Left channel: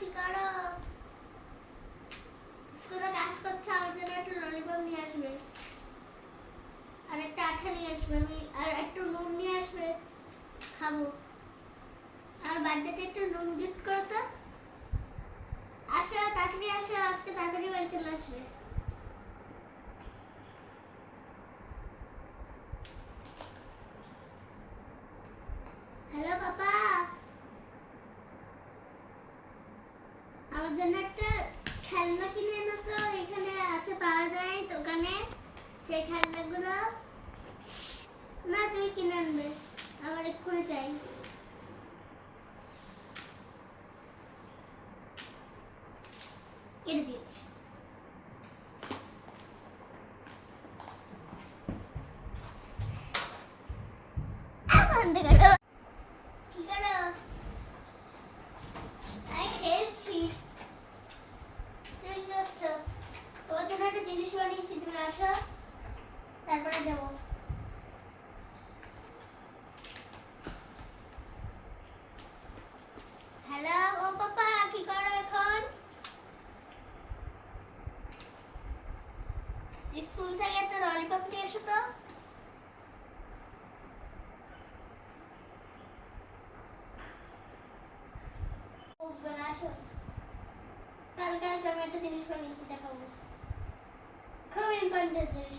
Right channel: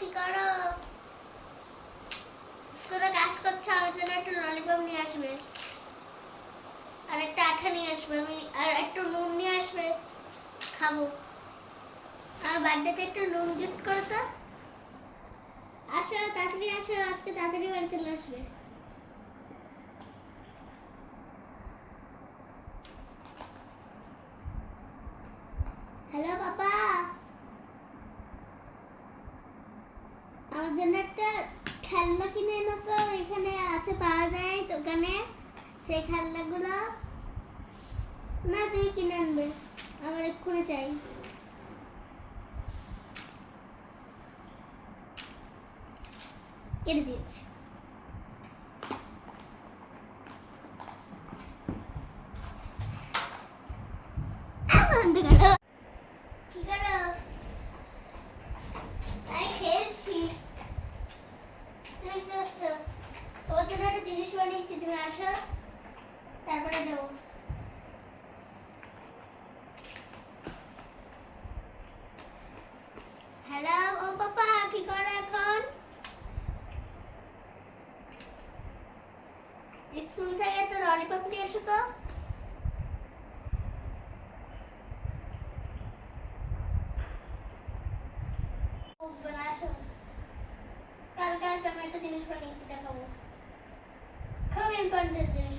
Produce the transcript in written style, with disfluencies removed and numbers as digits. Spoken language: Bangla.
কি করো? স্কুলে কাজ করছো, আমার জন্য একটু ললিপপ নিয়ে আসবে, আর একটা আঠা নিয়ে আসবে, আমি আর একটু নুন নিয়ে আসবে, খাবো। আমার বার্থডেতে একটু নুন গিফট করো তো। আসো তাড়াতাড়ি আসো, আজকে তাড়াতাড়ি বাড়ি চলে আসবে। হ্যালো পাপা, আমার জন্য একটা খেলনা কিনে এনো তো, এখানে আছে, পাওয়া যায় দোকানে সেই খেলনাগুলো। না তুমি কিনে আনবে, আমার এক্ষুনি চাই। কেটে দিয়েছি। বন্ধ করো। কি করো? তাই খেলছি। তুমি কি করছো? তোমার জন্য একটা জিনিস বানিয়েছি, তুমি আসো, তারপরে দেবো। হ্যালো ও পাপা, কি করো এখন? স্কুল থেকে একটা ললিপপ নিয়ে এসো তো। আসো, কালকে আসো, আমি একটা জিনিস বানিয়ে দেখাবো, খুব ইম্পর্টেন্ট জিনিস।